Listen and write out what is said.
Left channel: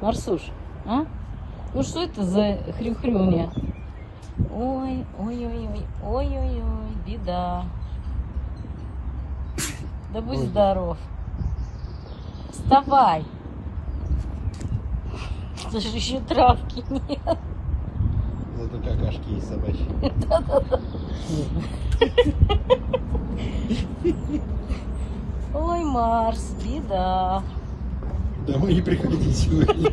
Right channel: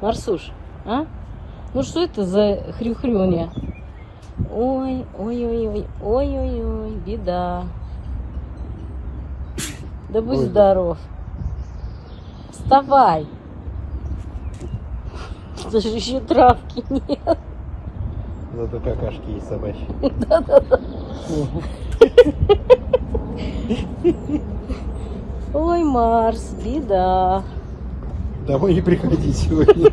Марсуш, а? Ну что это за хрюхрюня? Ой, ой-ой-ой, ой-ой-ой, беда. Да будь здоров. Вставай. Даже еще травки нет. Зато какашки есть собачьи. Да-да-да. Ой, Марс, беда. Домой не приходи сегодня.